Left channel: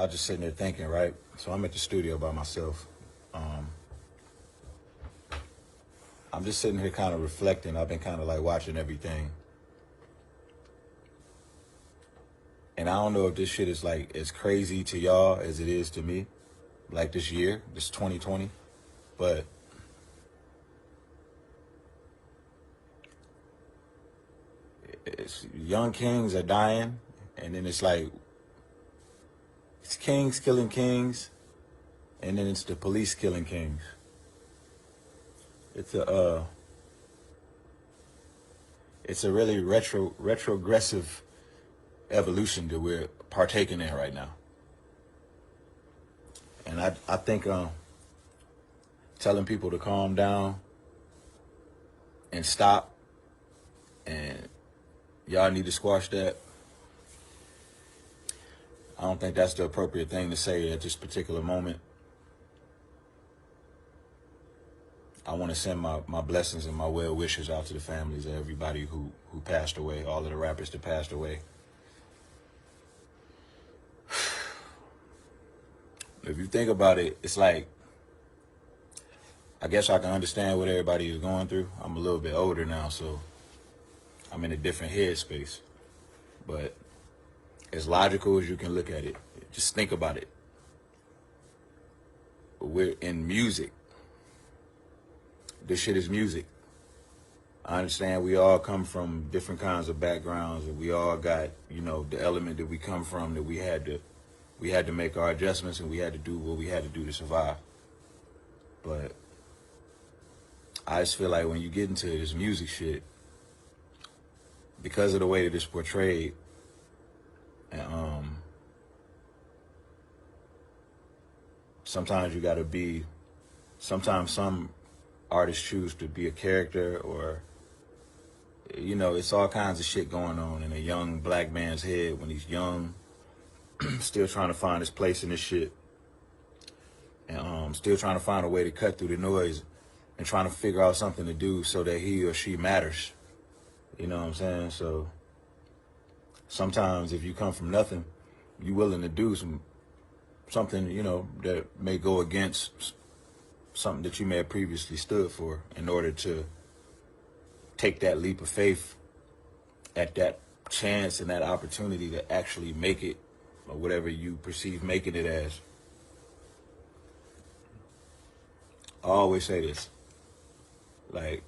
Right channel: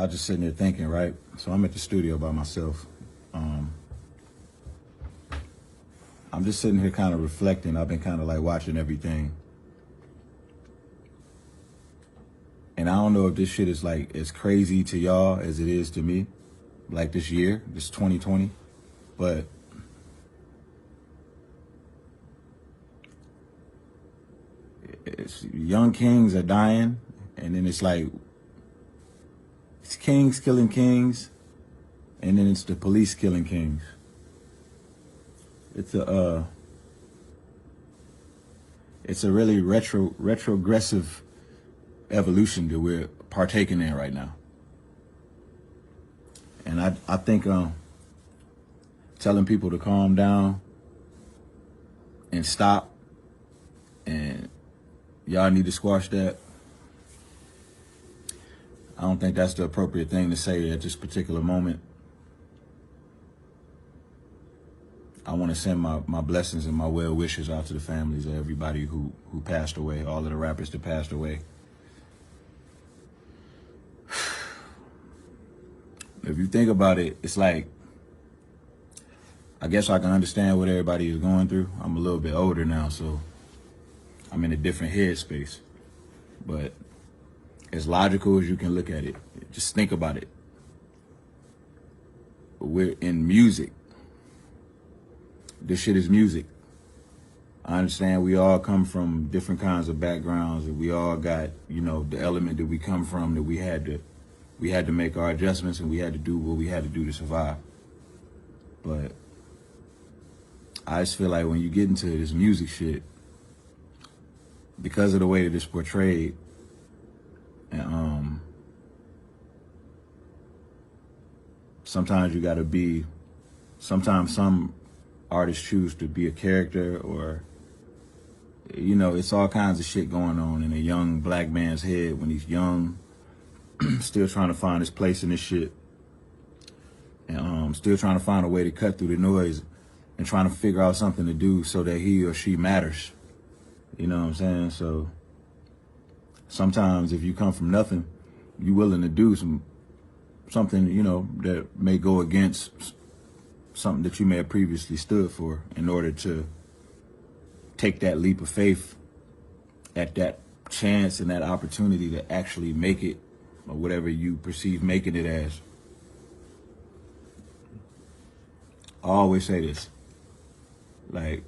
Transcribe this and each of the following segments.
I was just sitting here thinking, right? So I'm at the studio by myself. I'm just sitting here kind of reflecting. I've been kind of like watching everything. And I don't know if this shit is like as crazy to y'all as it is to me. Like this year, this 2020. But young kings are dying. And then it's like, it's kings killing kings. And then it's the police killing kings. It's a really retrogressive evolution that we're partaking in right now. And I think telling people to calm down and stop, and y'all need to squash that, I don't think that's the appropriate thing to say at this particular moment. I want to send my blessings and my well wishes out to the families of everybody who passed away, all of the rappers that passed away. If you think about it, it's like, I guess I can understand what everybody is going through. I'm a little bit older now, so I'm in a different headspace. But as logical as you can look at it, just think about it. We're in music. This shit is music. I understand we all come from different kinds of backgrounds, and we all got, you know, the element that we come from, that we had to make our adjustments, and we had to do what we had to do to survive. But I just feel like when you get into this music shit, because of the way that it's portrayed, and sometimes you gotta be, sometimes some artists choose to be a character, or, you know, it's all kinds of shit going on in a young black man's head when he's young, still trying to find his place in this shit, and still trying to find a way to cut through the noise and trying to figure out something to do so that he or she matters. You know what I'm saying? So sometimes if you come from nothing, you're willing to do something, you know, that may go against something that you may have previously stood for, in order to take that leap of faith at that chance and that opportunity to actually make it, or whatever you perceive making it as. I always say this, like,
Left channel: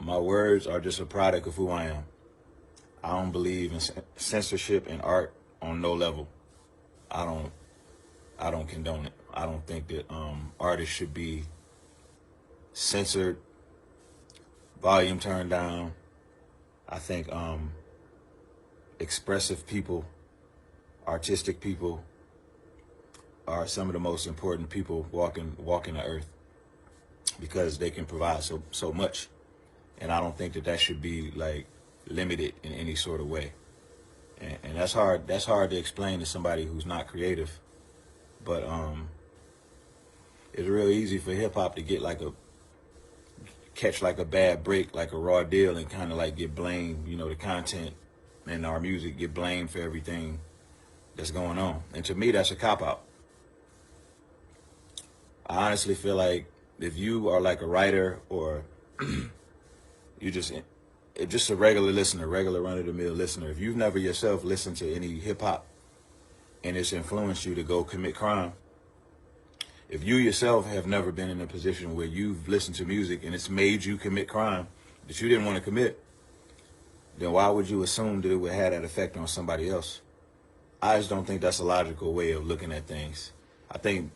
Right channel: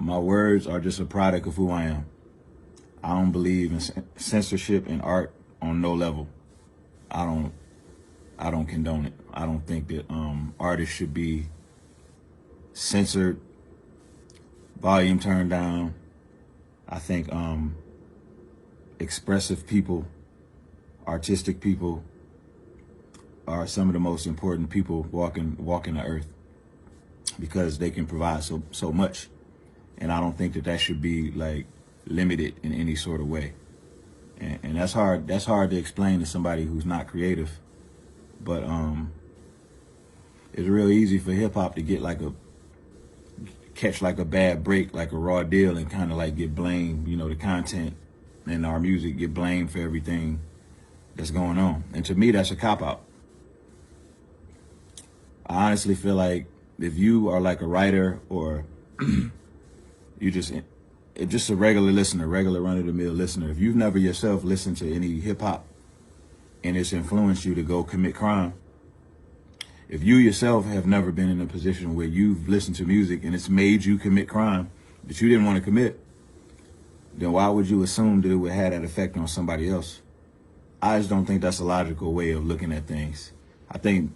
my words are just a product of who I am. I don't believe in censorship in art on no level. I don't condone it. I don't think that artists should be censored, volume turned down. I think expressive people, artistic people, are some of the most important people walking the earth, because they can provide so much. And I don't think that should be like limited in any sort of way. And that's hard to explain to somebody who's not creative. But it's real easy for hip hop to get like catch like a bad break, like a raw deal, and kind of like get blamed, you know, the content in our music get blamed for everything that's going on. And to me, that's a cop-out. I honestly feel like if you are like a writer, or you're just a regular listener, regular run-of-the-mill listener, if you've never yourself listened to any hip-hop and it's influenced you to go commit crime, if you yourself have never been in a position where you've listened to music and it's made you commit crime that you didn't want to commit, then why would you assume that it would have that effect on somebody else? I just don't think that's a logical way of looking at things. I think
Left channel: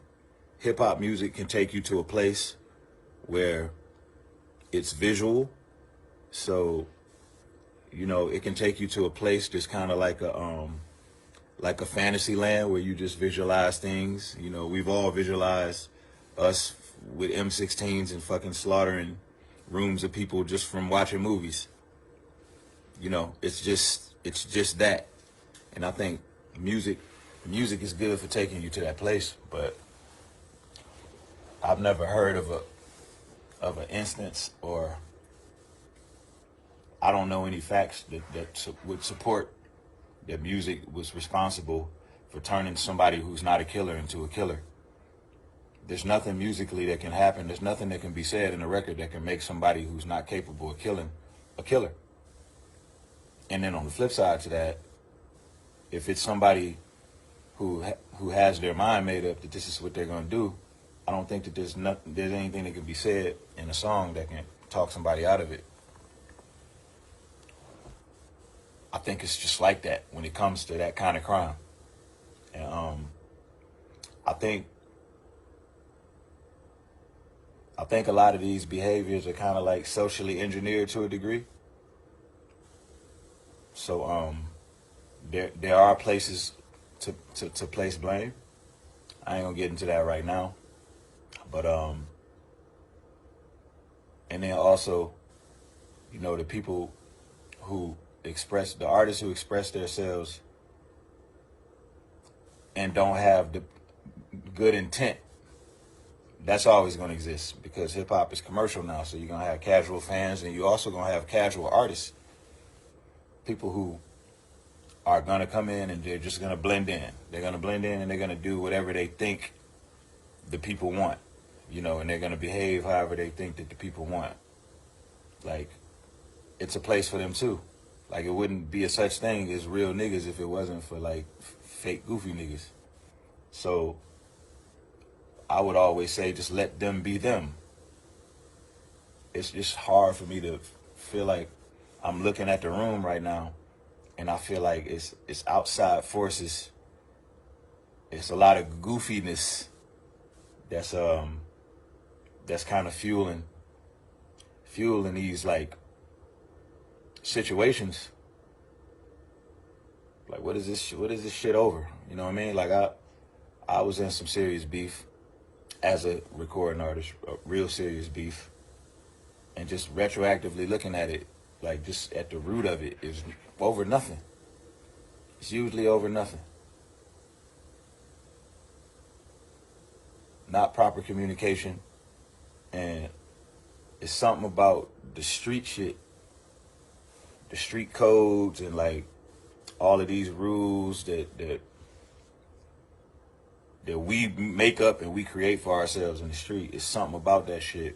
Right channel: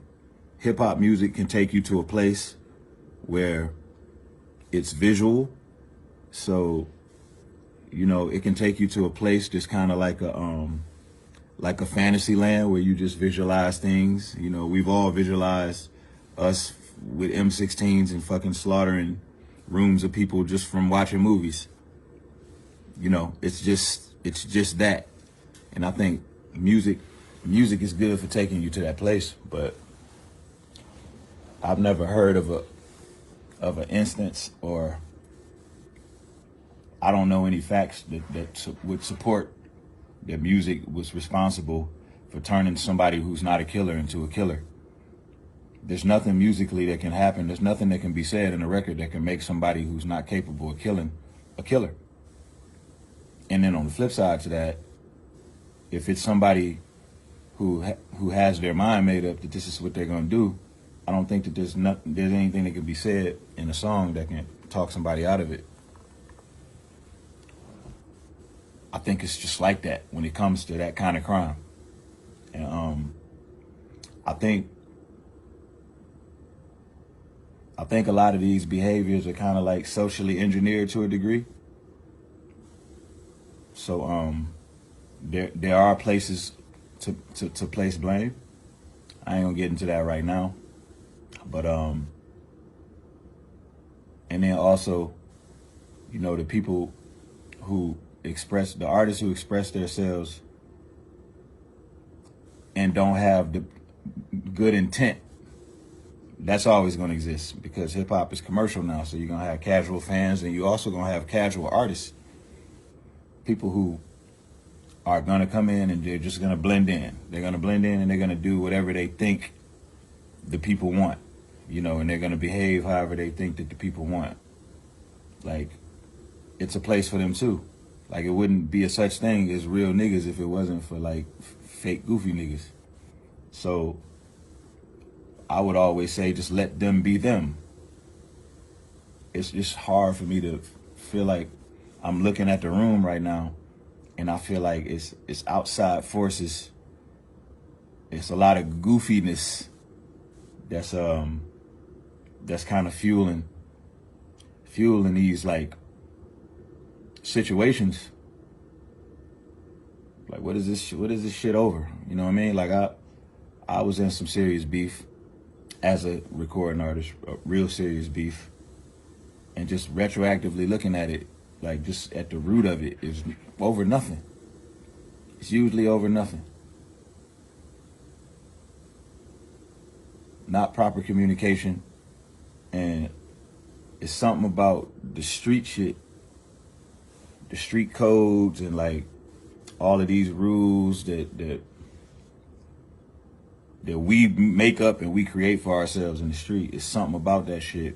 hip-hop music can take you to a place where it's visual. So, you know, it can take you to a place that's kind of like a fantasy land where you just visualize things. You know, we've all visualized us with M16s and fucking slaughtering rooms of people just from watching movies. You know, it's just that. And I think music is good for taking you to that place, but I've never heard of an instance, or I don't know any facts that would support that music was responsible for turning somebody who's not a killer into a killer. There's nothing musically that can happen. There's nothing that can be said in a record that can make somebody who's not capable of killing a killer. And then on the flip side to that, if it's somebody who has their mind made up that this is what they're gonna do, I don't think that there's anything that can be said in the song that can talk somebody out of it. I think it's just like that when it comes to that kind of crime. And I think a lot of these behaviors are kind of like socially engineered to a degree. So there are places to place blame. I ain't gonna get into that right now. But and then also, you know, the people who express, the artists who express themselves and don't have the good intent, that's always going to exist, because hip hop is commercial now. So you're going to have casual fans, and you're also going to have casual artists, people who are going to come in and they're just going to blend in. They're going to blend in and they're going to do whatever they think the people want, you know, and they're going to behave however they think that the people want. Like, it's a place for them too. Like, it wouldn't be a such thing as real niggas if it wasn't for like fake goofy niggas. So I would always say, just let them be them. It's hard for me to feel like I'm looking at the room right now, and I feel like it's outside forces. It's a lot of goofiness that's kind of fueling these like situations. Like, what is this shit over? You know what I mean? Like, I was in some serious beef as a recording artist, real serious beef, and just retroactively looking at it, like, just at the root of it is over nothing. It's usually over nothing. Not proper communication, and it's something about the street shit, the street codes, and like all of these rules that we make up and we create for ourselves in the street. It's something about that shit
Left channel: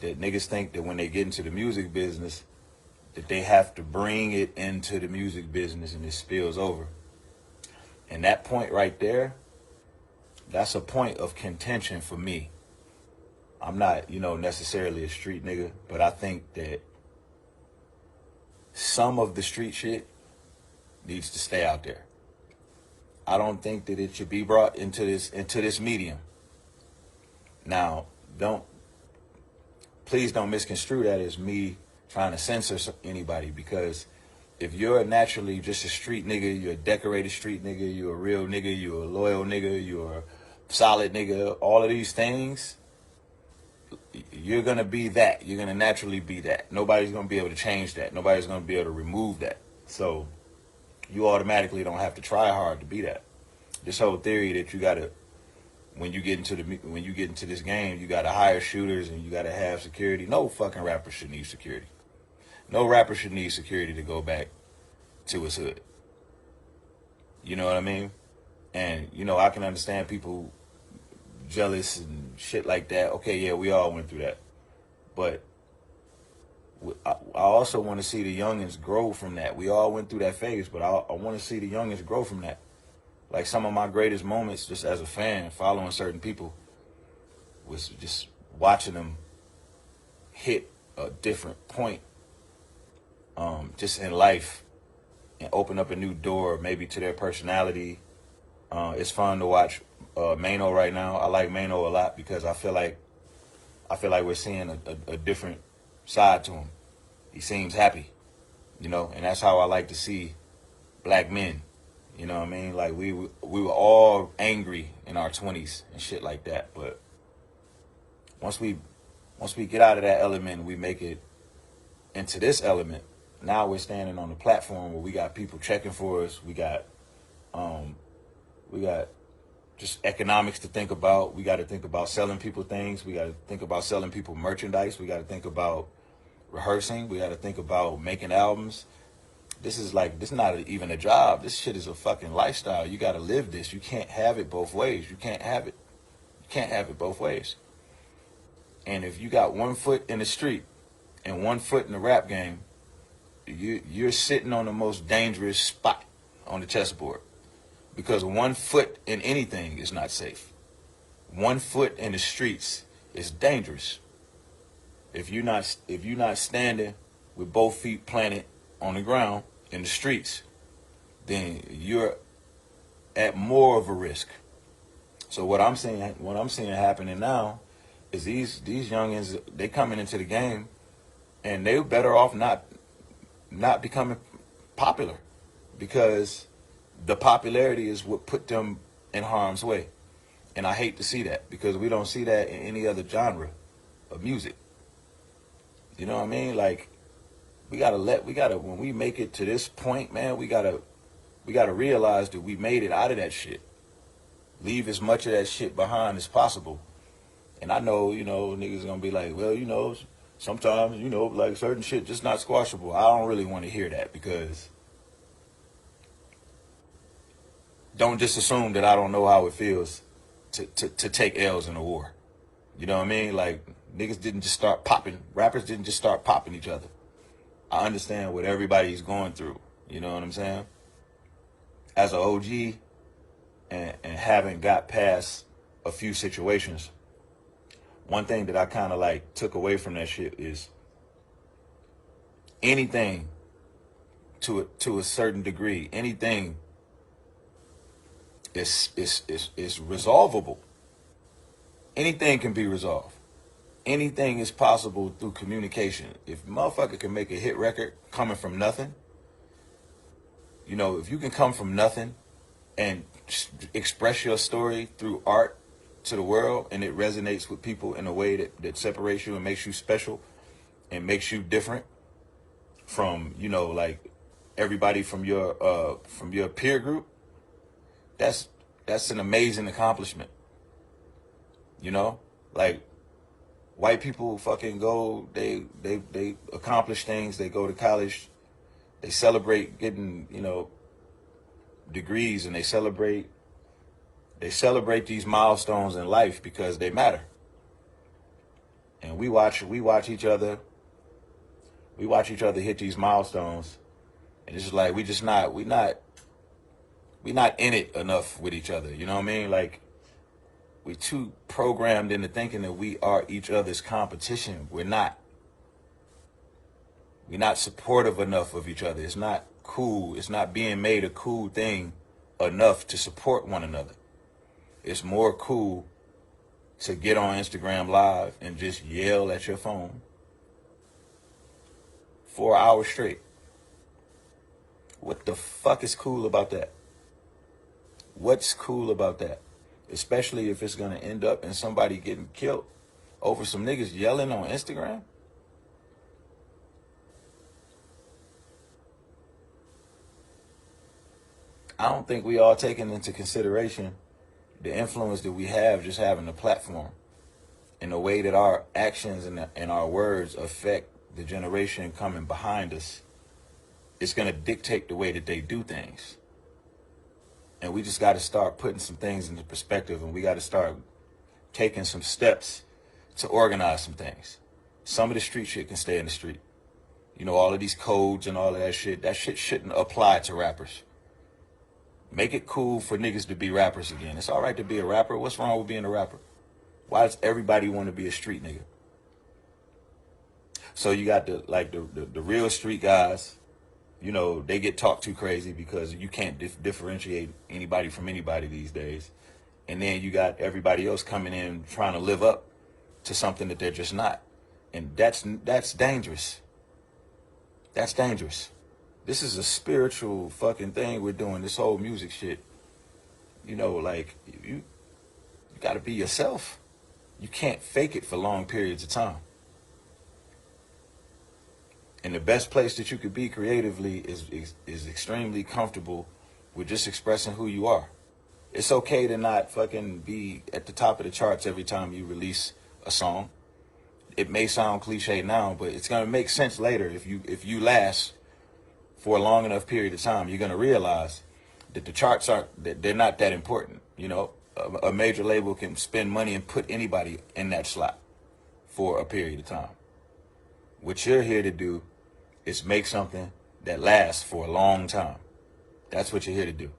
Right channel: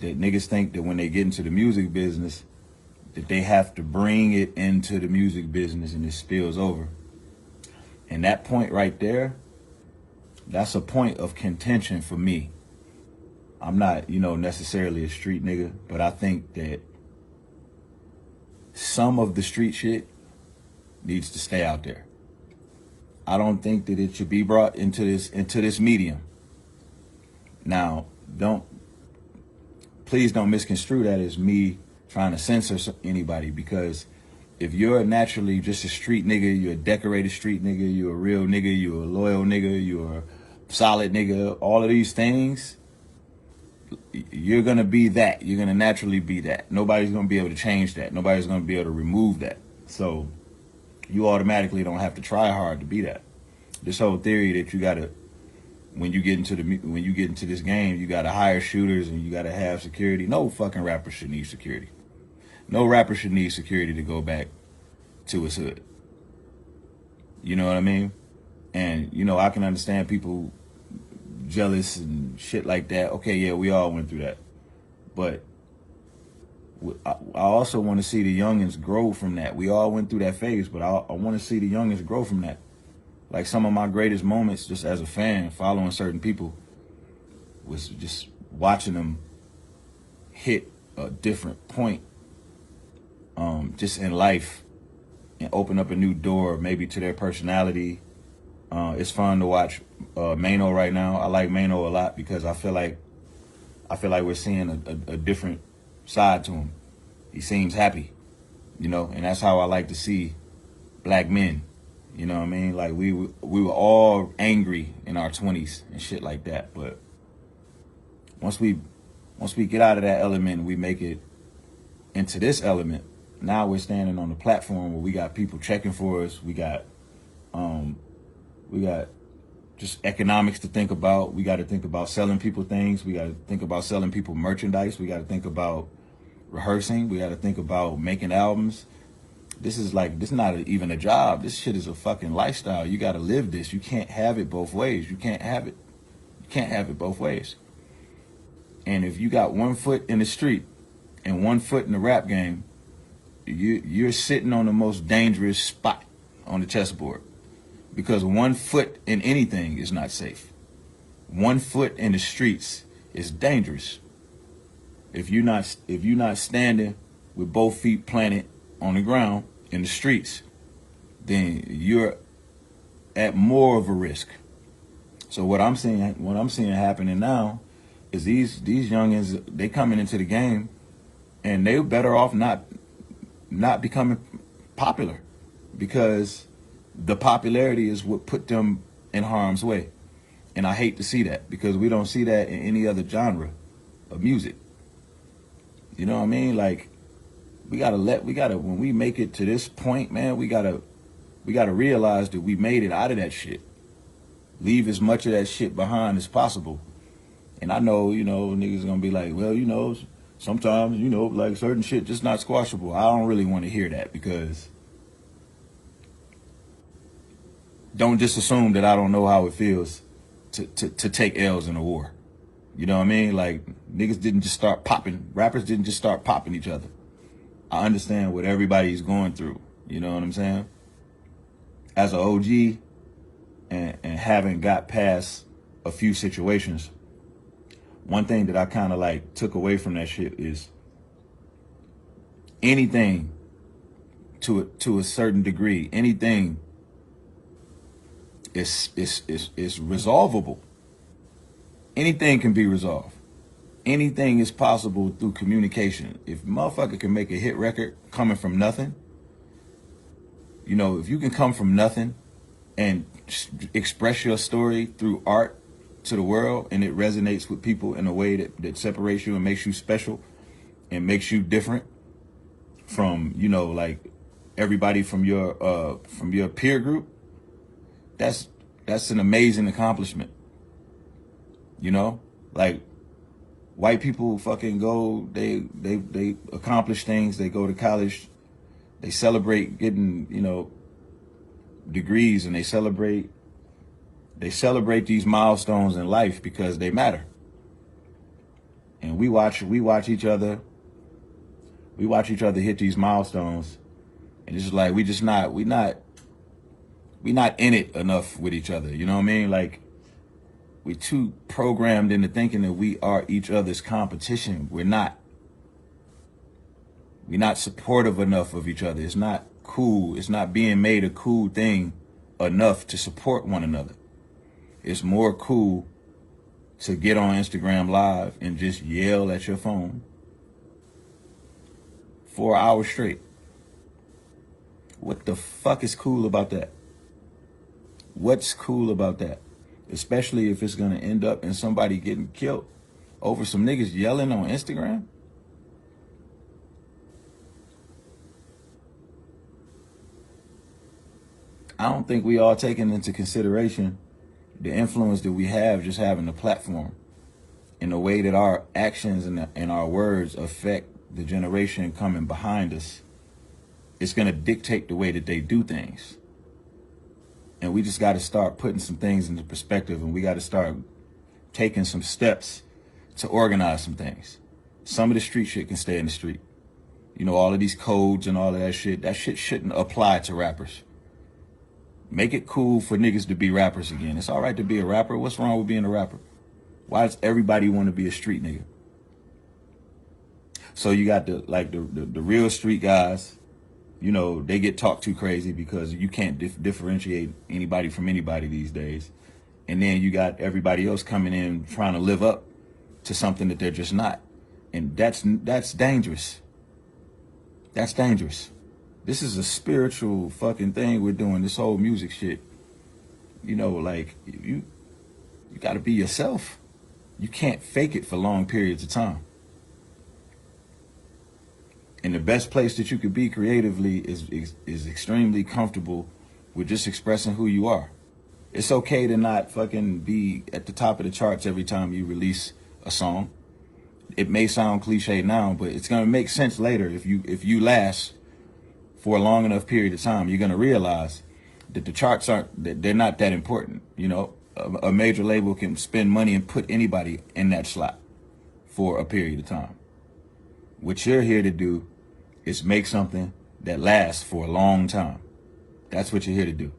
that niggas think that when they get into the music business, that they have to bring it into the music business and it spills over. And that point right there, that's a point of contention for me. I'm not, you know, necessarily a street nigga, but I think that some of the street shit needs to stay out there. I don't think that it should be brought into this medium. Now, please don't misconstrue that as me trying to censor anybody, because if you're naturally just a street nigga, you're a decorated street nigga, you're a real nigga, you're a loyal nigga, you're a solid nigga, all of these things, you're going to be that. You're going to naturally be that. Nobody's going to be able to change that. Nobody's going to be able to remove that. So you automatically don't have to try hard to be that. This whole theory that you got to, when you get into this game, you got to hire shooters and you got to have security. No fucking rapper should need security. No rapper should need security to go back to his hood. You know what I mean? And, you know, I can understand people jealous and shit like that. Okay, yeah, we all went through that. But I also want to see the youngins grow from that. We all went through that phase, but I want to see the youngins grow from that. Like, some of my greatest moments just as a fan, following certain people, was just watching them hit a different point just in life and open up a new door maybe to their personality. It's fun to watch Mano right now. I like Mano a lot because I feel like we're seeing a different side to him. He seems happy, you know, and that's how I like to see black men. You know what I mean? Like, we were all angry in our 20s and shit like that, but once we get out of that element, we make it into this element. Now we're standing on a platform where we got people checking for us. We got just economics to think about. We got to think about selling people things. We got to think about selling people merchandise. We got to think about rehearsing. We got to think about making albums. This is like, this is not even a job. This shit is a fucking lifestyle. You gotta live this. You can't have it both ways. You can't have it. You can't have it both ways. And if you got 1 foot in the street and 1 foot in the rap game, you're sitting on the most dangerous spot on the chessboard. Because 1 foot in anything is not safe. 1 foot in the streets is dangerous. If you're not standing with both feet planted on the ground in the streets, then you're at more of a risk. So what I'm seeing happening now is these youngins, they coming into the game and they're better off not becoming popular, because the popularity is what put them in harm's way. And I hate to see that, because we don't see that in any other genre of music. You know what I mean? Like, when we make it to this point, man, we gotta realize that we made it out of that shit. Leave as much of that shit behind as possible. And I know, niggas are gonna be like, well, sometimes, like certain shit just not squashable. I don't really want to hear that, because don't just assume that I don't know how it feels to take L's in a war. You know what I mean? Like, niggas didn't just start popping. Rappers didn't just start popping each other. I understand what everybody's going through. You know what I'm saying? As an OG and having got past a few situations, one thing that I kind of like took away from that shit is anything to a certain degree, anything is resolvable. Anything can be resolved. Anything is possible through communication. If a motherfucker can make a hit record coming from nothing, if you can come from nothing and express your story through art to the world, and it resonates with people in a way that separates you and makes you special and makes you different from, like everybody from your peer group, that's an amazing accomplishment. Like, white people fucking go, they accomplish things, they go to college, they celebrate getting, degrees, and they celebrate these milestones in life because they matter. And we watch each other hit these milestones, and it's like we're not in it enough with each other. You know what I mean? Like, we're too programmed into thinking that we are each other's competition. We're not supportive enough of each other. It's not cool. It's not being made a cool thing enough to support one another. It's more cool to get on Instagram Live and just yell at your phone for 1 hour straight. What the fuck is cool about that? What's cool about that? Especially if it's gonna end up in somebody getting killed over some niggas yelling on Instagram. I don't think we are taking into consideration the influence that we have just having a platform, in the way that our actions and our words affect the generation coming behind us. It's going to dictate the way that they do things. And we just got to start putting some things into perspective, and we got to start taking some steps to organize some things. Some of the street shit can stay in the street. All of these codes and all of that shit shouldn't apply to rappers. Make it cool for niggas to be rappers again. It's all right to be a rapper. What's wrong with being a rapper? Why does everybody want to be a street nigga? So you got the real street guys, they get talked too crazy because you can't differentiate anybody from anybody these days. And then you got everybody else coming in trying to live up to something that they're just not. And that's dangerous. That's dangerous. This is a spiritual fucking thing we're doing, this whole music shit. Like, you gotta be yourself. You can't fake it for long periods of time. And the best place that you could be creatively is extremely comfortable with just expressing who you are. It's okay to not fucking be at the top of the charts every time you release a song. It may sound cliche now, but it's gonna make sense later if you last for a long enough period of time, you're gonna realize that the charts they're not that important. You know, a major label can spend money and put anybody in that slot for a period of time. What you're here to do is make something that lasts for a long time. That's what you're here to do.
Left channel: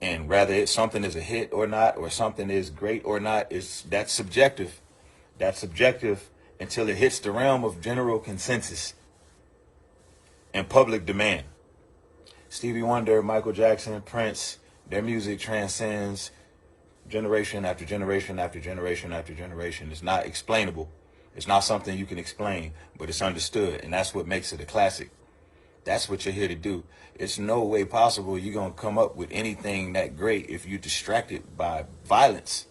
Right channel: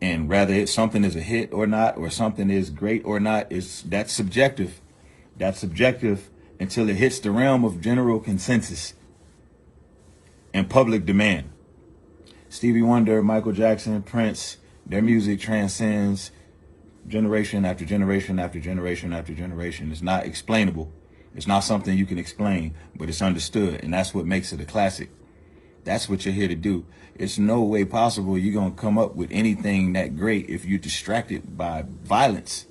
And whether it's something is a hit or not, or something is great or not, that's subjective. That's subjective until it hits the realm of general consensus and public demand. Stevie Wonder, Michael Jackson, Prince, their music transcends generation after generation after generation after generation. It's not explainable. It's not something you can explain, but it's understood, and that's what makes it a classic. That's what you're here to do. It's no way possible you're going to come up with anything that great if you're distracted by violence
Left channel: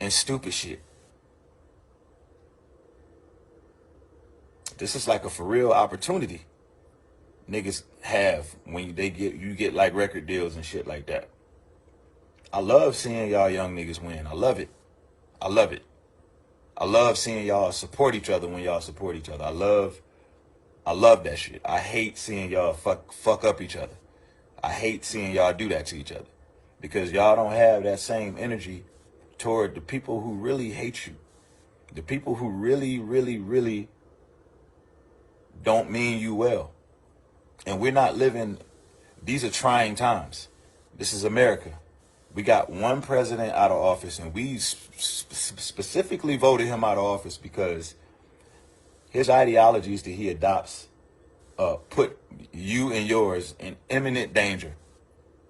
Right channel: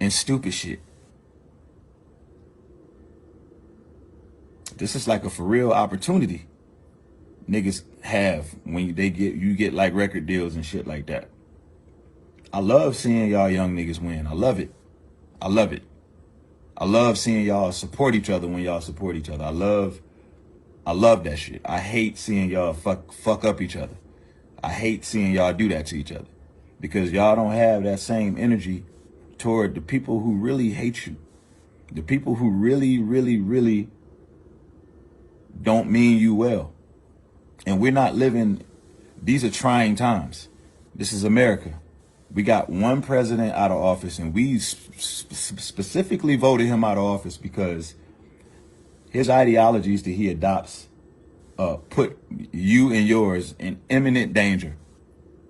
and stupid shit. This is like a for real opportunity niggas have when you get like record deals and shit like that. I love seeing y'all young niggas win. I love it. I love it. I love seeing y'all support each other when y'all support each other. I love that shit. I hate seeing y'all fuck up each other. I hate seeing y'all do that to each other because y'all don't have that same energy toward the people who really hate you. The people who really, really, really don't mean you well. And we're not living, these are trying times. This is America. We got one president out of office, and we specifically voted him out of office because his ideologies that he adopts put you and yours in imminent danger.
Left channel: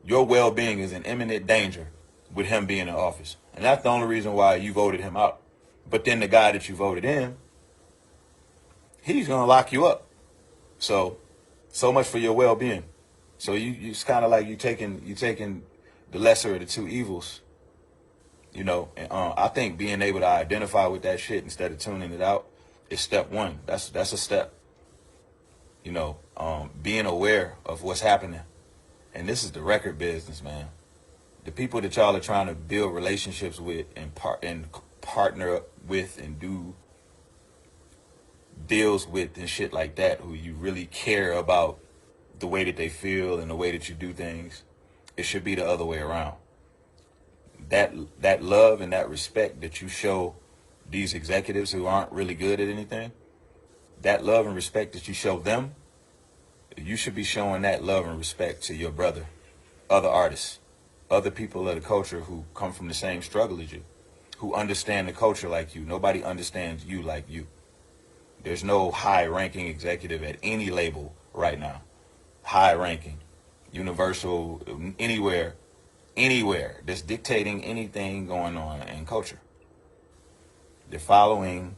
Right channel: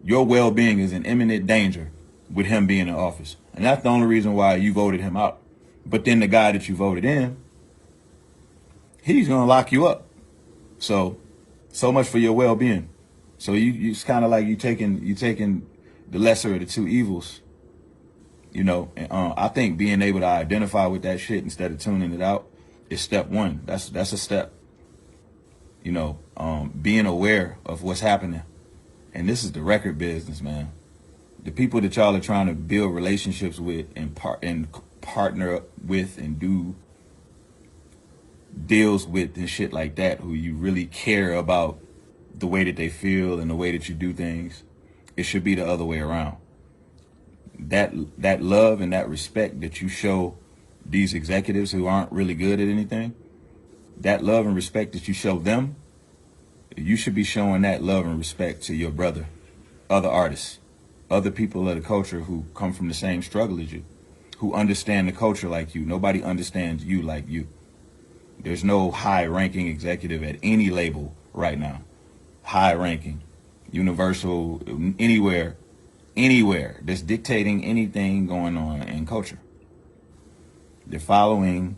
Your well-being is in imminent danger with him being in office. And that's the only reason why you voted him out. But then the guy that you voted in, he's going to lock you up. So much for your well-being. So it's kind of like you taking the lesser of the two evils, you know. And, I think being able to identify with that shit instead of tuning it out is step one. That's a step. You know, being aware of what's happening. And this is the record business, man. The people that y'all are trying to build relationships with and partner with and do deals with and shit like that, who you really care about the way that they feel and the way that you do things, it should be the other way around. That love and that respect that you show these executives who aren't really good at anything, that love and respect that you show them, you should be showing that love and respect to your brother, other artists, other people of the culture who come from the same struggle as you, who understand the culture like you. Nobody understands you like you. There's no high-ranking executive at any label right now. High-ranking, Universal, anywhere that's dictating anything going on in culture. They're following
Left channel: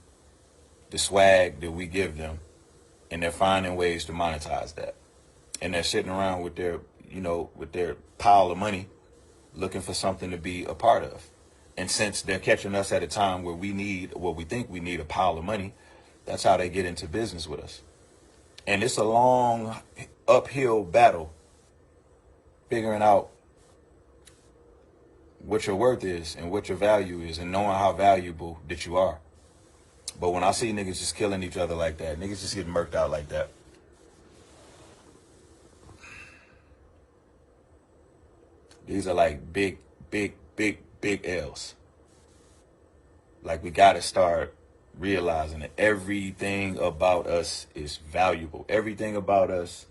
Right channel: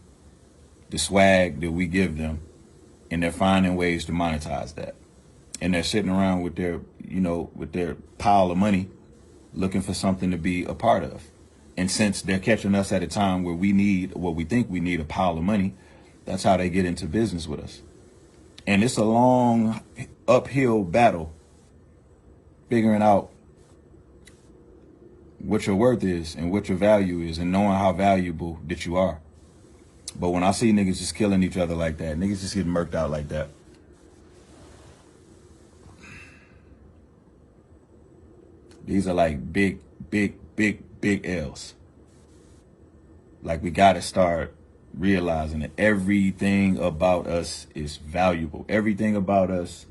the swag that we give them, and they're finding ways to monetize that. And they're sitting around with their pile of money, looking for something to be a part of. And since they're catching us at a time where we think we need a pile of money, that's how they get into business with us. And it's a long uphill battle figuring out what your worth is and what your value is and knowing how valuable that you are. But when I see niggas just killing each other like that, niggas just getting murked out like that, these are like big L's. Like, we gotta start realizing that everything about us is valuable. Everything about us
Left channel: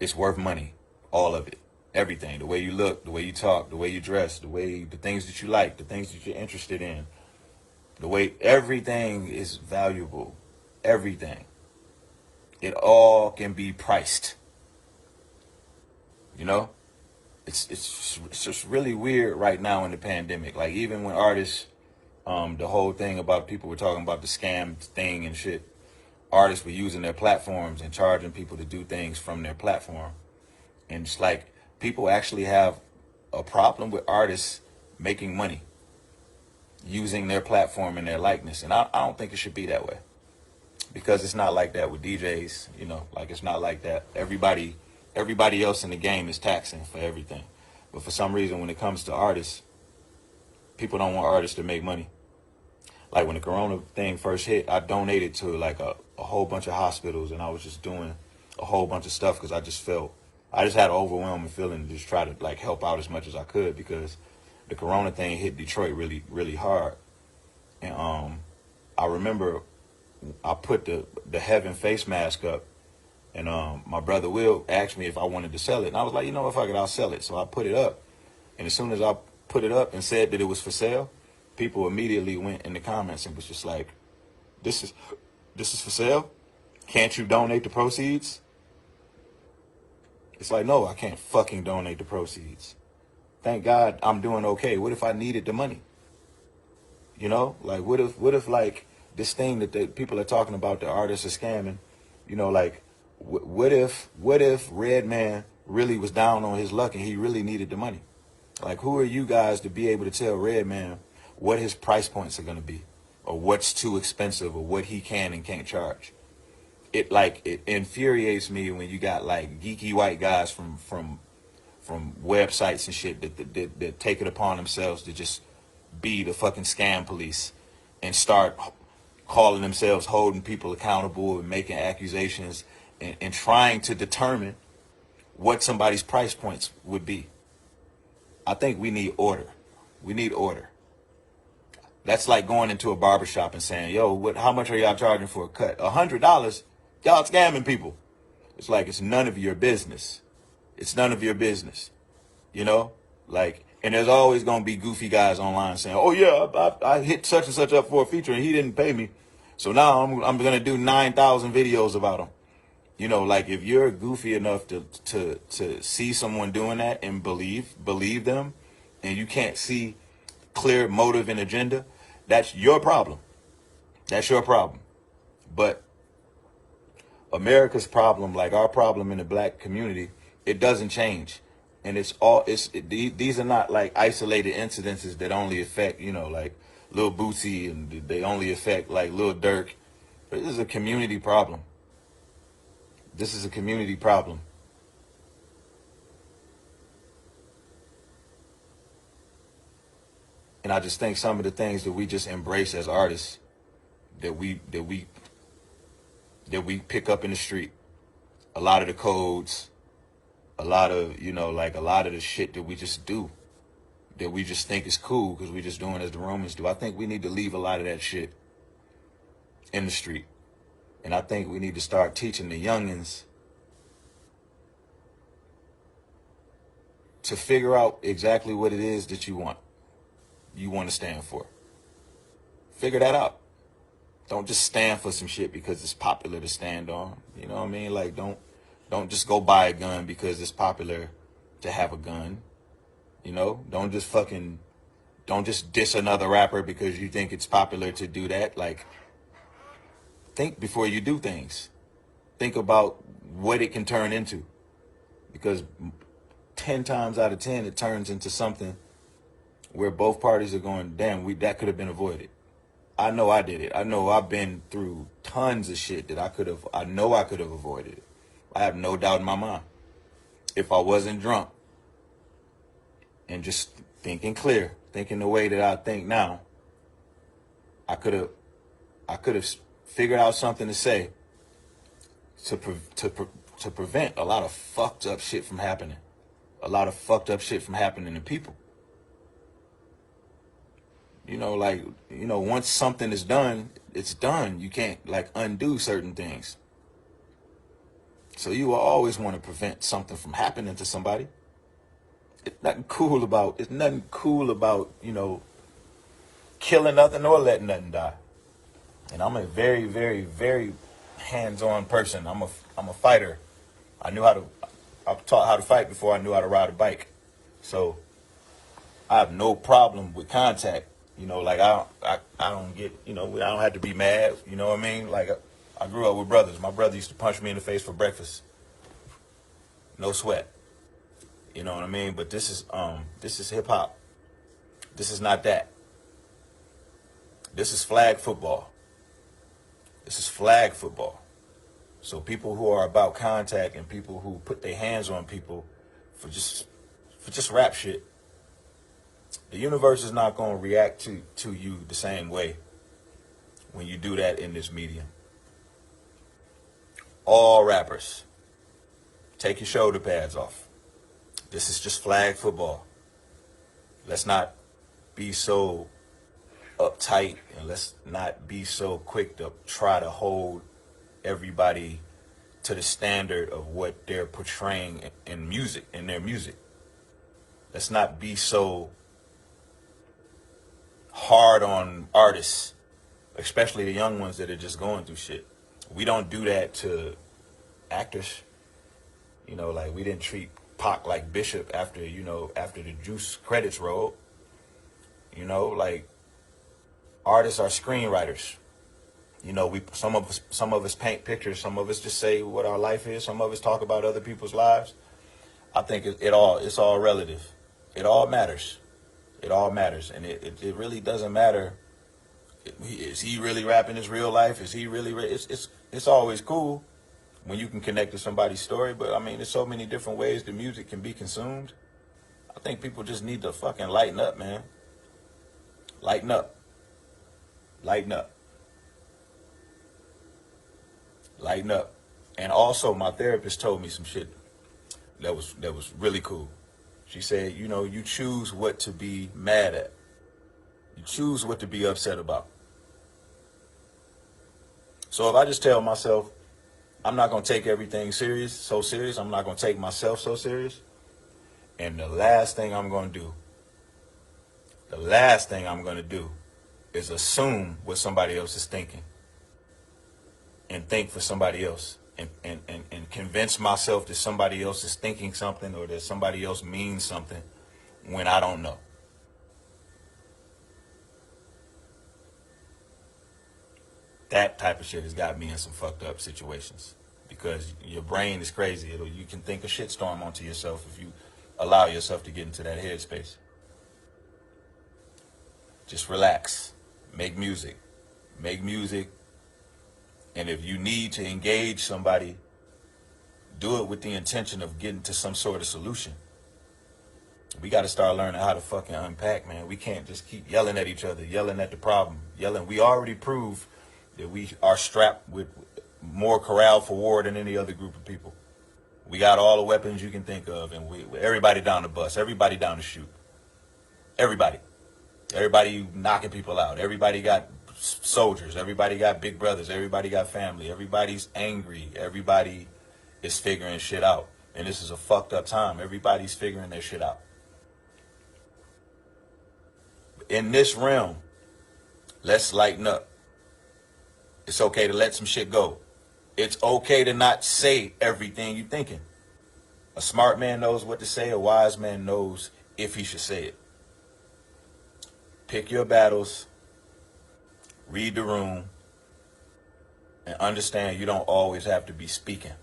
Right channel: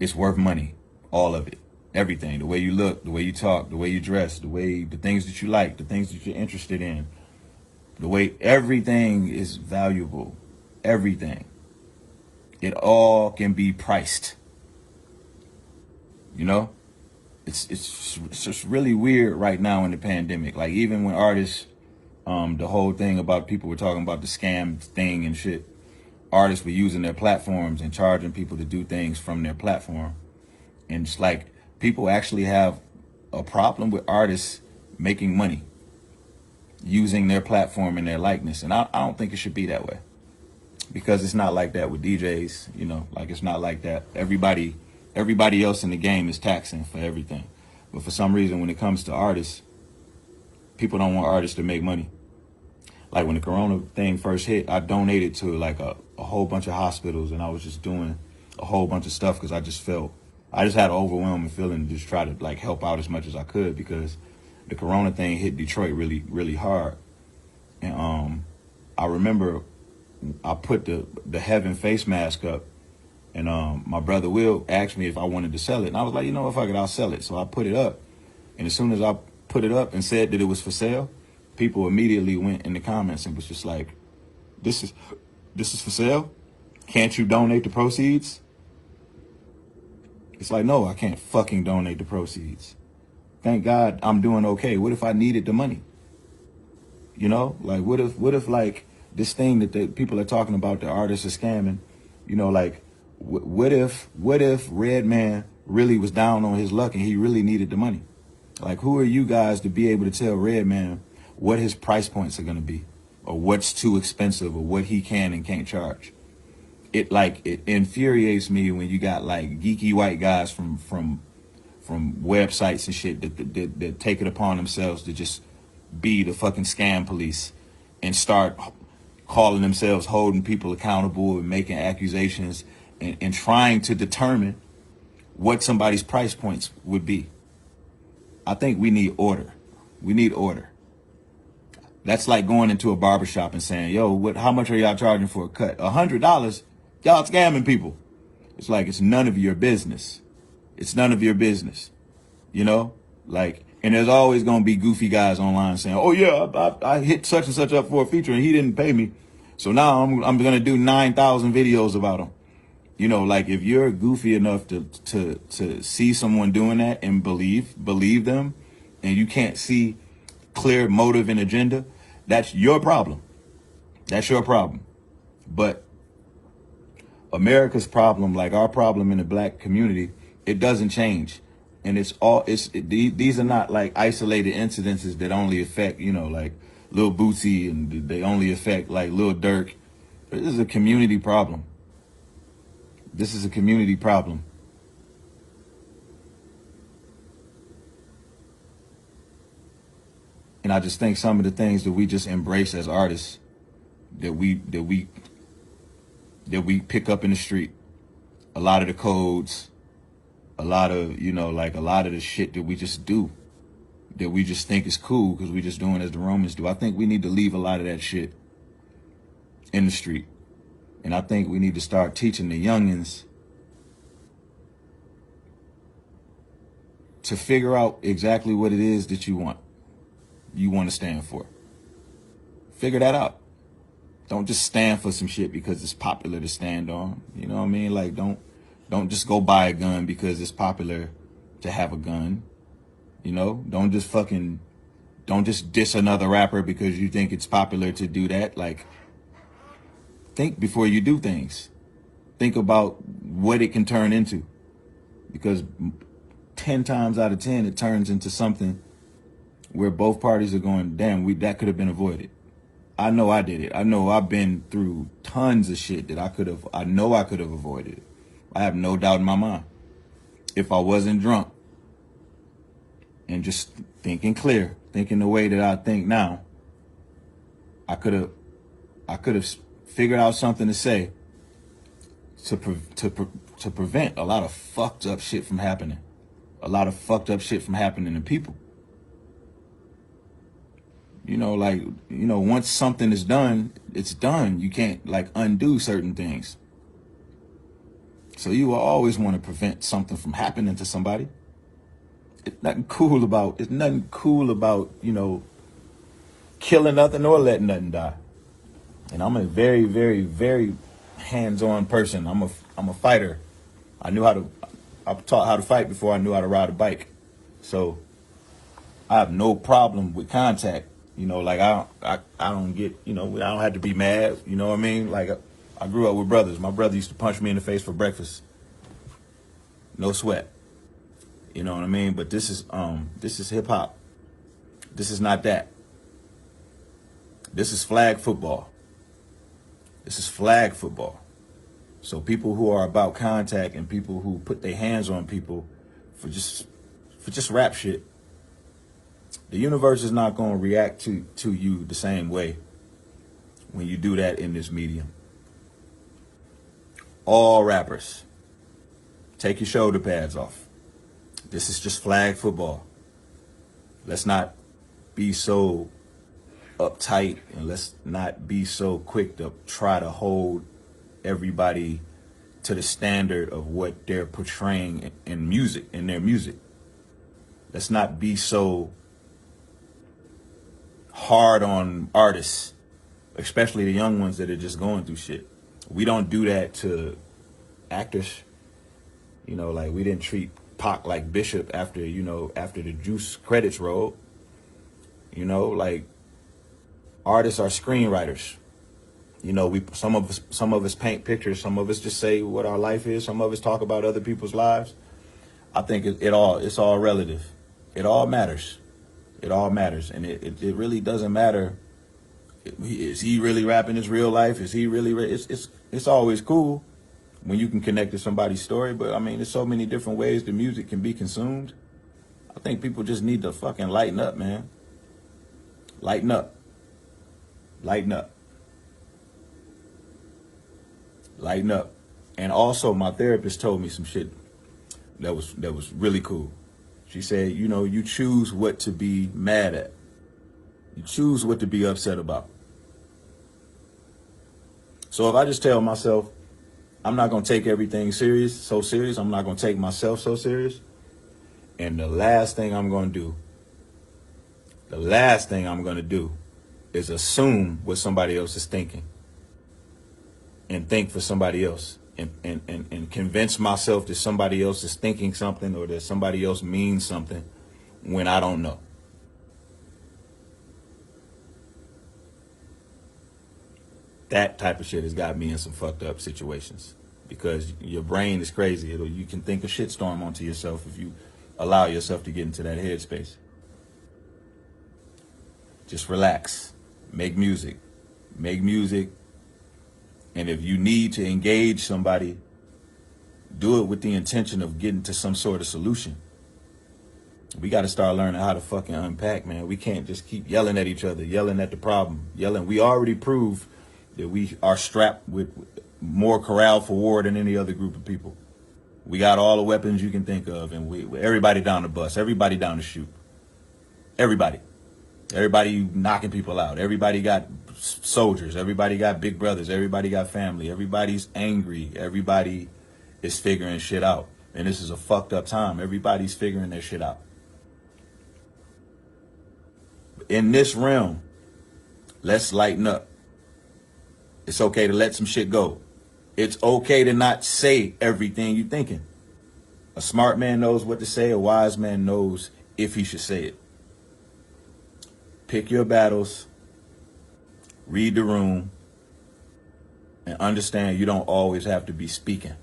is worth money. All of it. Everything. The way you look, the way you talk, the way you dress, the things that you like, the things that you're interested in. The way everything is valuable. Everything. It all can be priced. You know? It's just really weird right now in the pandemic. Like, even when artists, the whole thing about people were talking about the scam thing and shit, artists were using their platforms and charging people to do things from their platform. And it's like, people actually have a problem with artists making money using their platform and their likeness. And I don't think it should be that way, because it's not like that with DJs, you know, like, it's not like that. Everybody else in the game is taxing for everything. But for some reason, when it comes to artists, people don't want artists to make money. Like, when the corona thing first hit, I donated to like a whole bunch of hospitals, and I was just doing a a whole bunch of stuff because I just had an overwhelming feeling to just try to like help out as much as I could because the corona thing hit Detroit really, really hard. And I remember I put the Heaven face mask up, and my brother Will asked me if I wanted to sell it, and I was like, you know what, fuck it, I'll sell it. So I put it up, and as soon as I put it up and said that it was for sale, people immediately went in the comments and was just like, this is for sale? Can't you donate the proceeds? It's like, no, I can't fucking donate the proceeds. Thank God I'm doing okay. What if I needed the money? You know, like what if like this thing that the people are talking about, the artists are scamming, you know, like what if Redman really was down on his luck and he really needed the money? Like, who are you guys to be able to tell Redman what his price points are going to be, or what's too expensive, or what he can and can't charge? It infuriates me when you got like geeky white guys from websites and shit that take it upon themselves to just be the fucking scam police and start calling themselves holding people accountable and making accusations and trying to determine what somebody's price points would be. I think we need order. We need order. That's like going into a barbershop and saying, yo, how much are y'all charging for a cut? $100? Y'all scamming people. It's like, it's none of your business. It's none of your business. You know? Like, and there's always going to be goofy guys online saying, oh yeah, I hit such and such up for a feature and he didn't pay me. So now I'm going to do 9,000 videos about him. You know, like if you're goofy enough to see someone doing that and believe them, and you can't see clear motive and agenda, that's your problem. That's your problem. But America's problem, like our problem in the black community, it doesn't change. And these are not like isolated incidences that only affect, you know, like Lil Bootsy, and they only affect like Lil Durk. But this is a community problem. This is a community problem. And I just think some of the things that we just embrace as artists, that we pick up in the street, a lot of the codes, a lot of, you know, like a lot of the shit that we just do, that we just think is cool because we just doing it as the Romans do. I think we need to leave a lot of that shit in the street. And I think we need to start teaching the youngins to figure out exactly what it is that you want to stand for. Figure that out. Don't just stand for some shit because it's popular to stand on. You know what I mean? Like, don't just go buy a gun because it's popular to have a gun. You know? Don't just diss another rapper because you think it's popular to do that. Like, think before you do things. Think about what it can turn into. Because 10 times out of 10, it turns into something where both parties are going, damn, that could have been avoided. I know I did it. I know I've been through tons of shit that I know I could have avoided. I have no doubt in my mind. If I wasn't drunk and just thinking clear, thinking the way that I think now, I could have figured out something to say to prevent a lot of fucked up shit from happening. A lot of fucked up shit from happening to people. You know, like, you know, once something is done, it's done. You can't, like, undo certain things. So you will always want to prevent something from happening to somebody. It's nothing cool about, you know, killing nothing or letting nothing die. And I'm a very, very, very hands-on person. I'm a fighter. I taught how to fight before I knew how to ride a bike. So I have no problem with contact. You know, like I don't get, you know, I don't have to be mad. You know what I mean? Like I grew up with brothers. My brother used to punch me in the face for breakfast. No sweat. You know what I mean? But this is hip hop. This is not that. This is flag football. This is flag football. So people who are about contact and people who put their hands on people for just rap shit, the universe is not going to react to you the same way when you do that in this medium. All rappers, Take your shoulder pads off. This is just flag football. Let's not be so uptight, and let's not be so quick to try to hold everybody to the standard of what they're portraying in music, in their music. Let's not be so hard on artists, especially the young ones that are just going through shit. We don't do that to actors. You know, like, we didn't treat Pac like Bishop after, you know, after the Juice credits rolled. You know, like, artists are screenwriters. You know, some of us paint pictures, some of us just say what our life is, some of us talk about other people's lives. I think it's all relative. It all matters. It all matters, and it really doesn't matter. Is he really rapping his real life? Is he really? It's always cool when you can connect to somebody's story, but I mean, there's so many different ways the music can be consumed. I think people just need to fucking lighten up, man. Lighten up. Lighten up. Lighten up. And also, my therapist told me some shit that was really cool. She said, you know, you choose what to be mad at. You choose what to be upset about. So if I just tell myself, I'm not going to take everything so serious, I'm not going to take myself so serious, and the last thing I'm going to do is assume what somebody else is thinking and think for somebody else and convince myself that somebody else is thinking something or that somebody else means something when I don't know. That type of shit has got me in some fucked up situations because your brain is crazy. You can think a shitstorm onto yourself if you allow yourself to get into that headspace. Just relax. Make music. Make music. And if you need to engage somebody, do it with the intention of getting to some sort of solution. We got to start learning how to fucking unpack, man. We can't just keep yelling at each other, yelling at the problem, yelling. We already proved that we are strapped with more corral for war than any other group of people. We got all the weapons you can think of, and everybody down the bus, everybody down the chute. Everybody knocking people out. Everybody got soldiers. Everybody got big brothers. Everybody got family. Everybody's angry. Everybody is figuring shit out. And this is a fucked up time. Everybody's figuring their shit out. In this realm, let's lighten up. It's okay to let some shit go. It's okay to not say everything you're thinking. A smart man knows what to say. A wise man knows if he should say it. Pick your battles, read the room, and understand you don't always have to be speaking.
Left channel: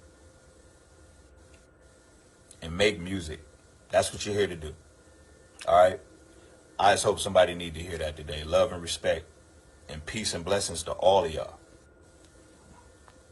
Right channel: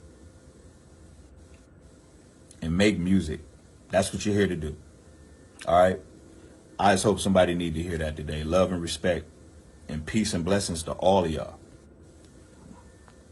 And make music. That's what you're here to do. All right? I just hope somebody needs to hear that today. Love and respect, and peace and blessings to all of y'all.